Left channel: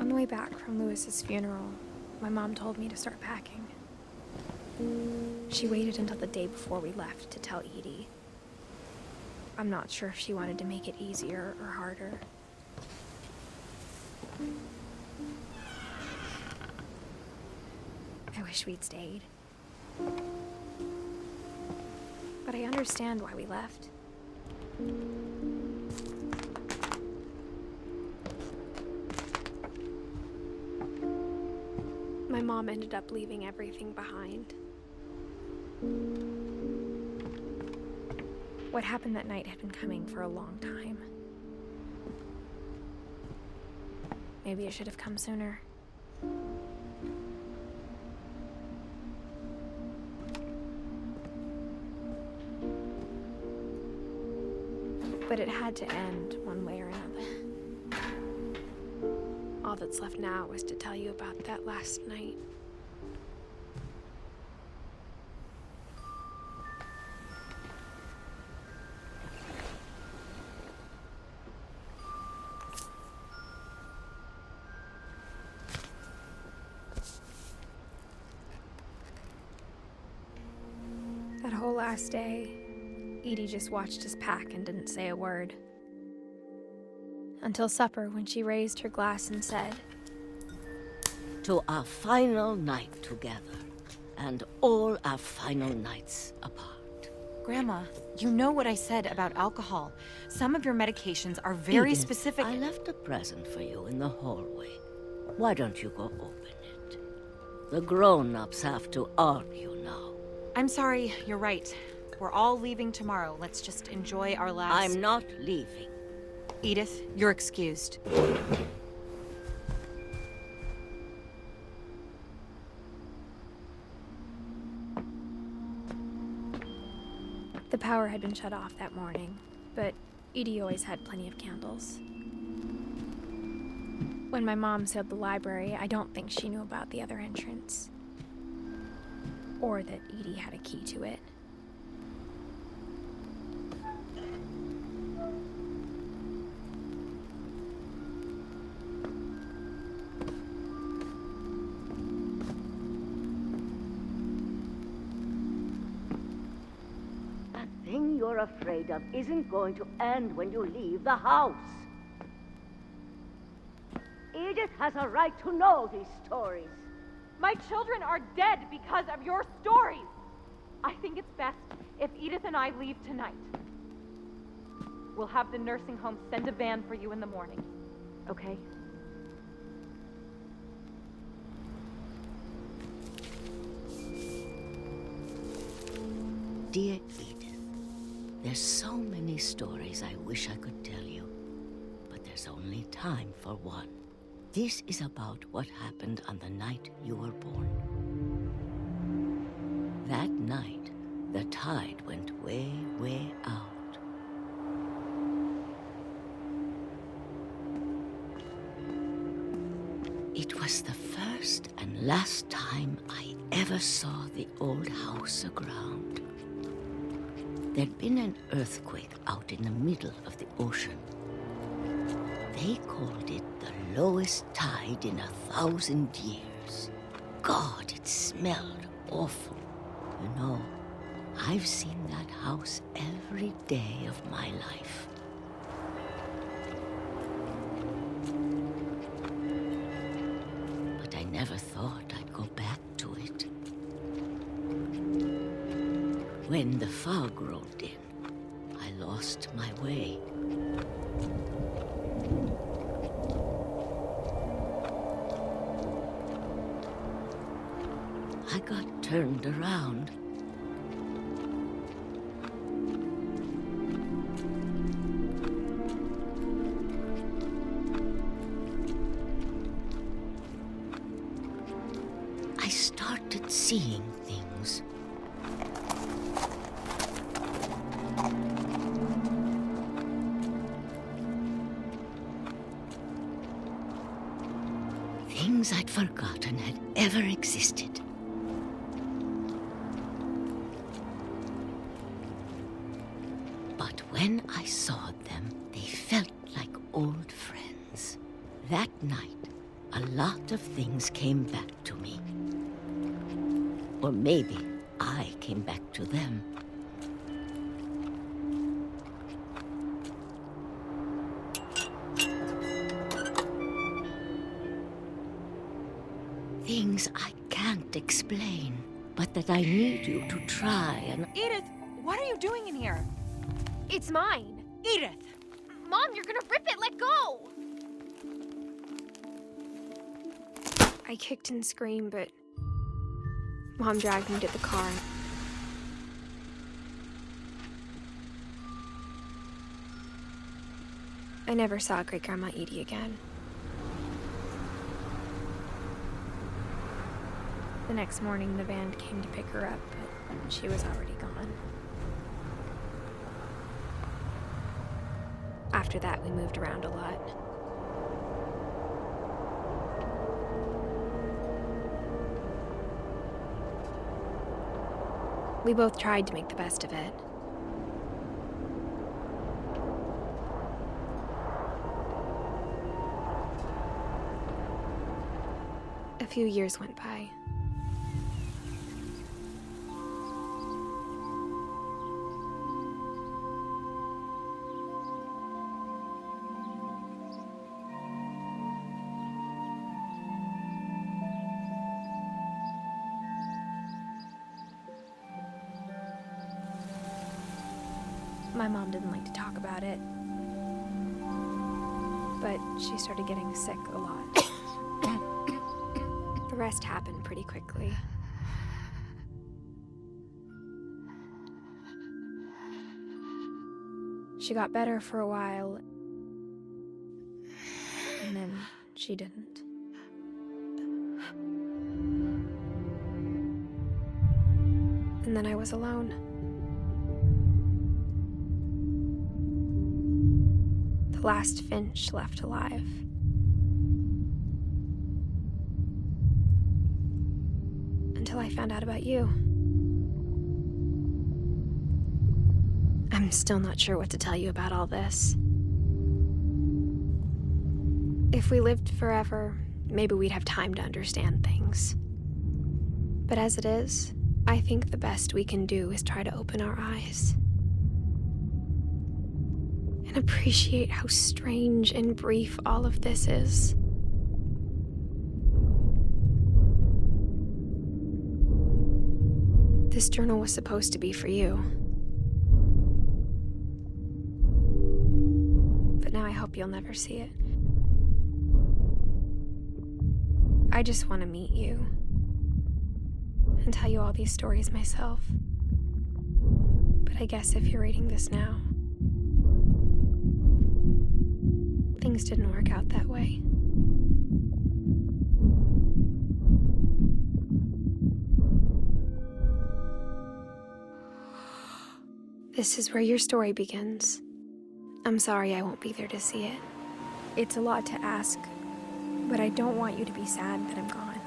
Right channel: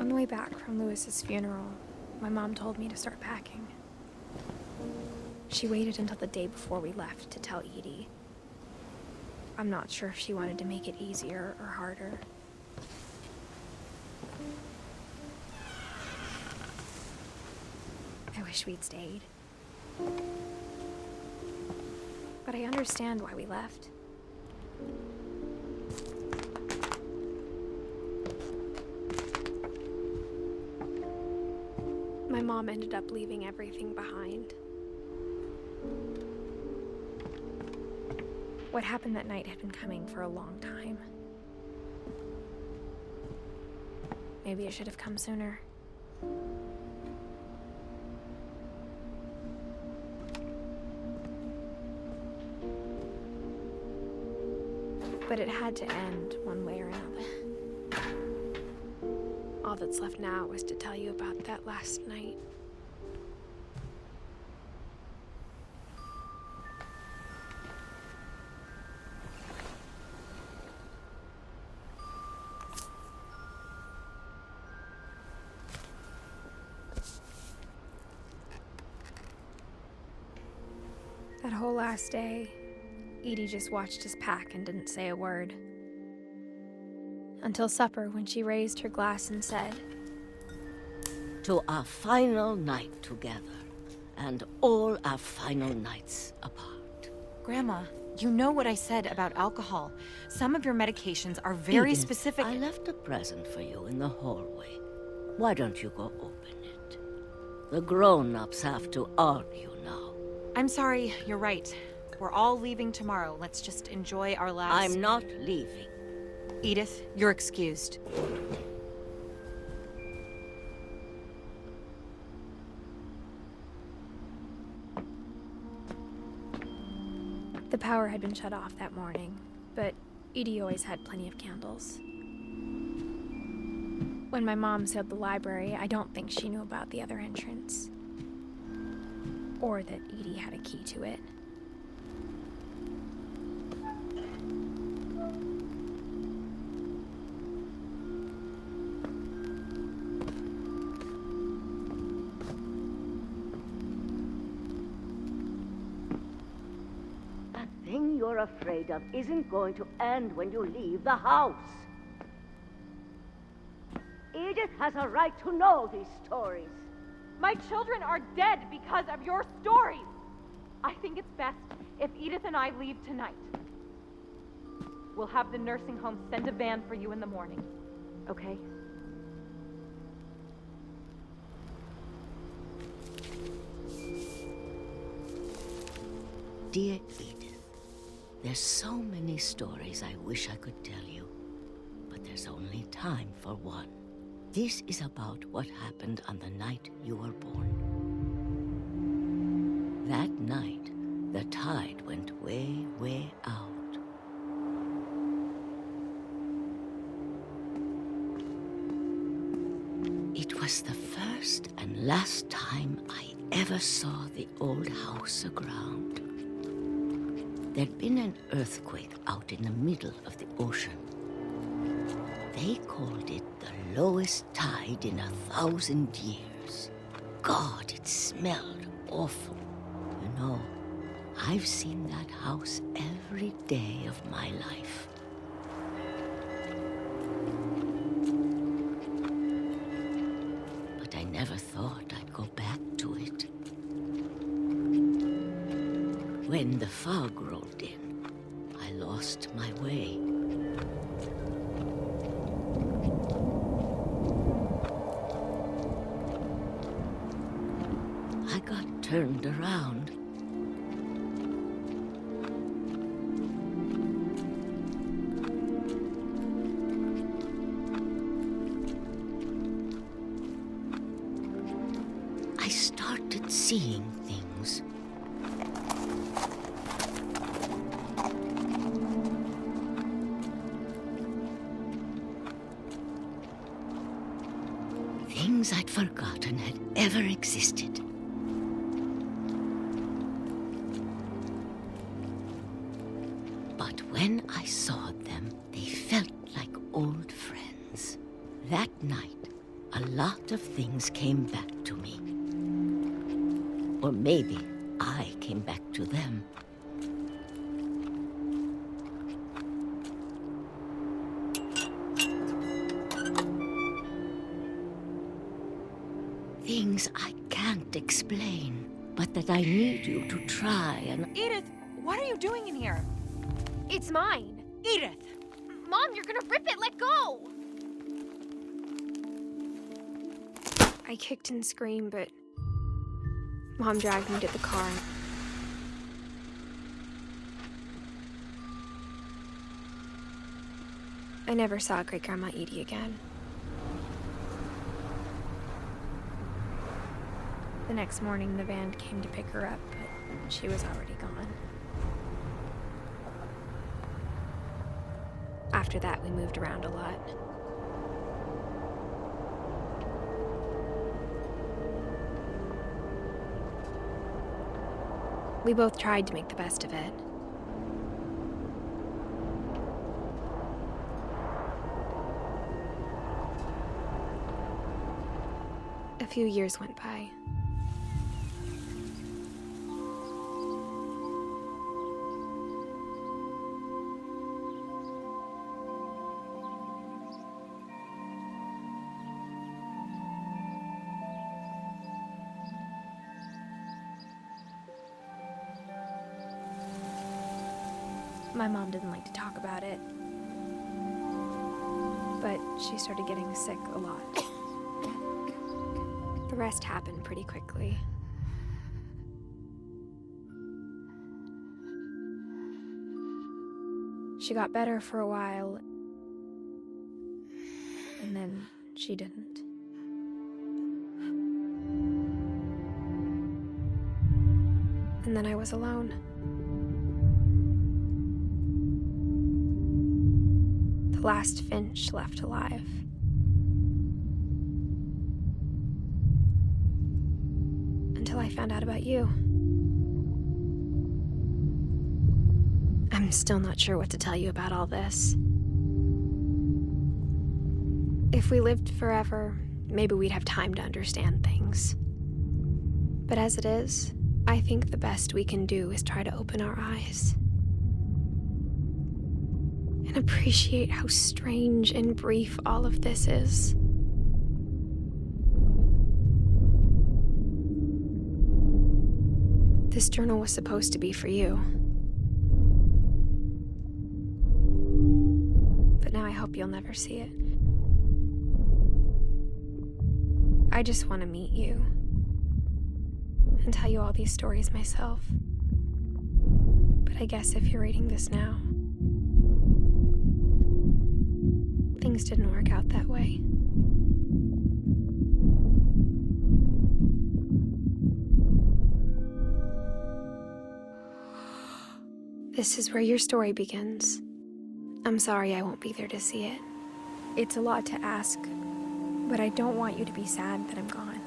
On the way back from Lewis's funeral, my mom told me to start packing. She waited until the day before we left to tell Edie. I'm not sure if she wanted to make it easier or harder. I wish we'd stayed. But I understand why we left. My mom ended up leaving everything behind. What happened that night had been coming for a long time. Maybe it should have come sooner. But it had to end one way or another. All that's left now is to tell you about that last night. That whole last day, Edie just watched us pack and didn't say a word. Until supper, when she raised her glass and said, "To our final night together, and all our final nights apart." Grandma, you know what I said about alcohol. Some of your medications are very Edith, specific. I left a present for you in the hallway. Why don't you go open it? The grown-ups have to argue now. I'm sorry, you're right. We're all leaving tomorrow. Let's just enjoy our last... I'm not leaving. Edith, you're excused. the power had been shut off that morning, but Edie always had plenty of candles. When my mom sealed the library, I don't think she knew about the other entrance. Or that Edie had a key to it. That thing you're afraid of isn't going to end when you leave the house. Edith has a right to know these stories. My children are dead because of your stories. I think it's best if Edith and I leave tonight. We'll have the nursing home send a van for you in the morning, okay? Dear Edith, there's so many stories I wish I could tell you, but there's only time for one. This is about what happened on the night you were born. That night, the tide went way, way out. It was the first and last time I ever saw the old house aground. There'd been an earthquake out in the middle of the ocean. They called it the lowest tide in 1,000 years. God, it smelled awful. You know, I've seen that house every day of my life. But I never thought I'd go back to it. When the fog rolled in, I lost my way. I got turned around. I started seeing things. Things I'd forgotten had ever existed. But when I saw them, they felt like old friends. That night, a lot of things came back to me. Or maybe I came back to them. Things I can't explain, but that I need you to try and... Edith, what are you doing in here? It's mine. Edith! Mom, you're gonna rip it! Let go! I kicked and screamed, but Mom dragged me to the car. I never saw Great-Grandma Edie again. The next morning, the van came to pick her up, but she was already gone. After that, we moved around a lot. We both tried to make the best of it. A few years went by. My mom didn't like to talk about it, but she started getting sick a lot. The rest happened pretty quickly. She got better for a while, and then she didn't. And then I was alone. The last Finch left alive. Until I found out about you. I'm still not sure what to tell you about all this. If we lived forever, maybe we'd have time to understand things. But as it is, I think the best we can do is try to open our eyes. And appreciate how strange and brief all of this is. This journal was supposed to be for you. But now I hope you'll never see it. I just want to meet you and tell you all these stories myself. But I guess if you're reading this now, things didn't work out that way. This is where your story begins. I'm sorry I won't be there to see it. It's a lot to ask, but I don't want you to be sad that I'm gone.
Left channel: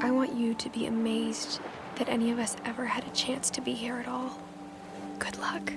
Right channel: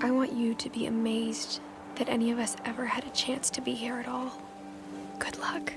I want you to be amazed that any of us ever had a chance to be here at all. Good luck.